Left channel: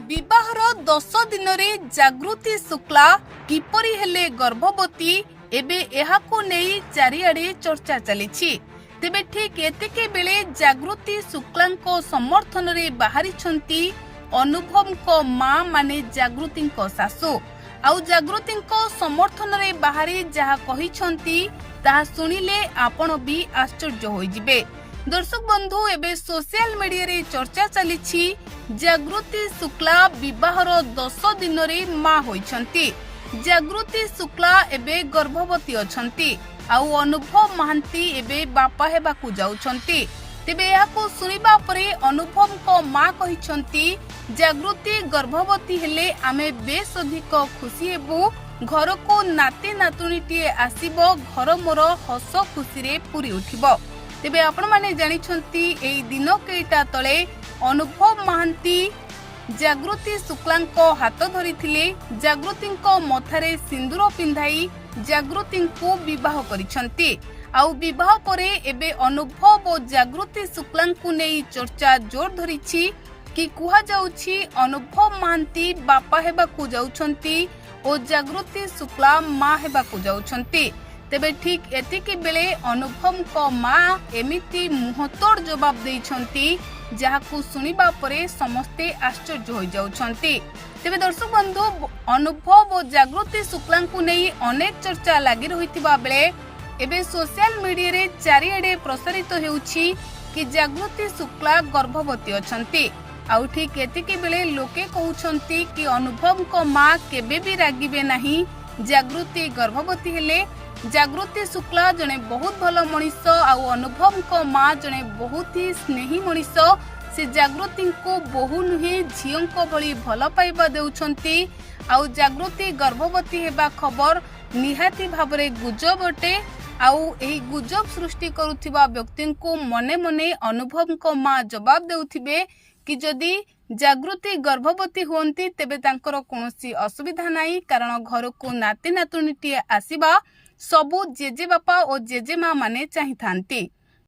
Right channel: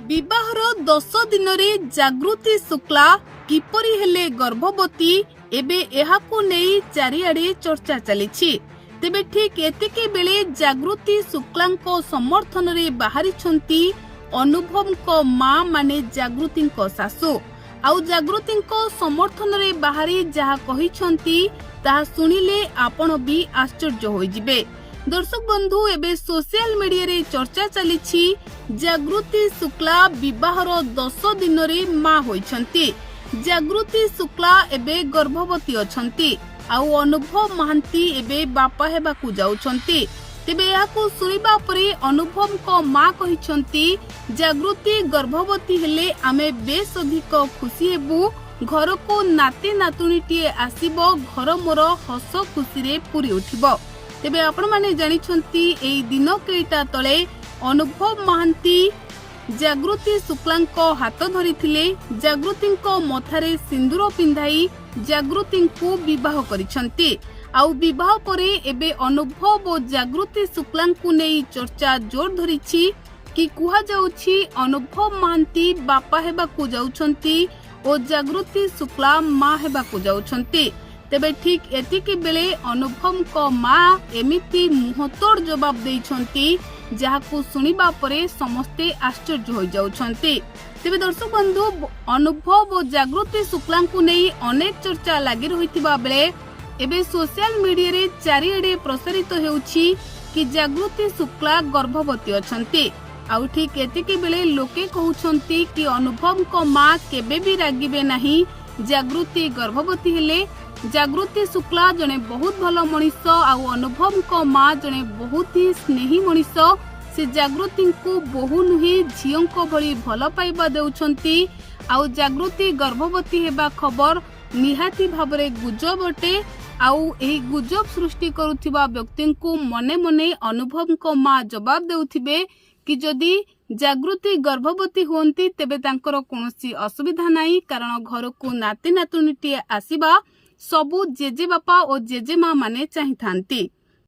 विवाहर 10 दिन रे जागृति शुक्ला किपरि हेले गर्भवती एबे एहाकु नेई चारिआडे चर्चा चलिछि। तेबे ठीक एतिके बेले जागृति शुक्लांको समर्थन रे बाहरी छंती अनुभव को मां माने जागृति को सासु आउ जागृति को समर्थन रे बाहरी जहा कहि छंती ताहा सुनिले आपण भी आश्चर्य होई जिबे। दर्शक बंधु एबे सोशल मीडिया रे चर्चा चलिछि जागृति शुक्ला विवाहर 10 दिन रे मां होइछंती। जागृति शुक्ला एबे गर्भवती अछंती आउ अनुभव महांती एबे बापा हेबाकू जाउछंती। तेबे याकू सुनिबा परे अनुभव को मां कहिछंती जागृति गर्भवती हेले आमे बेस अधिक खुशी हेबू, घर को नाती नातुणीटी आसीबो, घर मोर हस खुशी रे पूरी उठिबो। तेबे आपण माने जानि छंती एई दिन केइटा तळे अनुभव महांती जागृति शुक्लांको हाथ धरिथिले, जागृतिंको मथारे सिंदूर पिंधाई जागृतिंको विवाह करिछंती। आउ विवाह परे एबे अनुभव और जागृति शुक्लांको नेई चर्चा जोर धरिछि कि कुहा जाउछि अनुभव महांती बापा हेबाकू जाउछंती और जागृति शुक्ला मां हेबाकू जाउछंती। तेबे ठीक एतिके बेले अनुभव को मां एमिति मुहतोड़ जवाब देइछंती जाहाकू सुनिबा परे समस्ते आश्चर्य हो जाउछंती। तेबे दर्शक बंधु अनुभव और जागृति शुक्लांको नेई अनेक चर्चा लागि रहितिबा बेले एबे सोशल मीडिया रे चारिआडे प्रसारित हेउछि कि जागृति शुक्ला गर्भवती अछंती। आउ ठीक एतिके बेले लोके कहउछंती कि अनुभव को मां केबे भी रागिबे नाही, जागृति गर्भवती हेले जागृति शुक्ला जने बहुत भल मनीष आउ अनुभव को मां जने बहुत ही स्नेही मनीष। से जागृति को बहु नुहे झियों को भली भल पाइबा देउछंती। आउ जागृति गर्भवती हेबा खबर निहाती भाबरे गुजब अटे। आउ एही गुजब सृष्टि करुथिबा व्यक्ति को मने मने अनुभव को मां जवाब देउथिबे कि जदि जागृति गर्भवती होंती तेबे तांकर कोनोसी असुविधा नाही, कारण घर को नाती नातुणीटी आसीबा सबु जेजे बापा और जेजे मां माने चाहि थांती।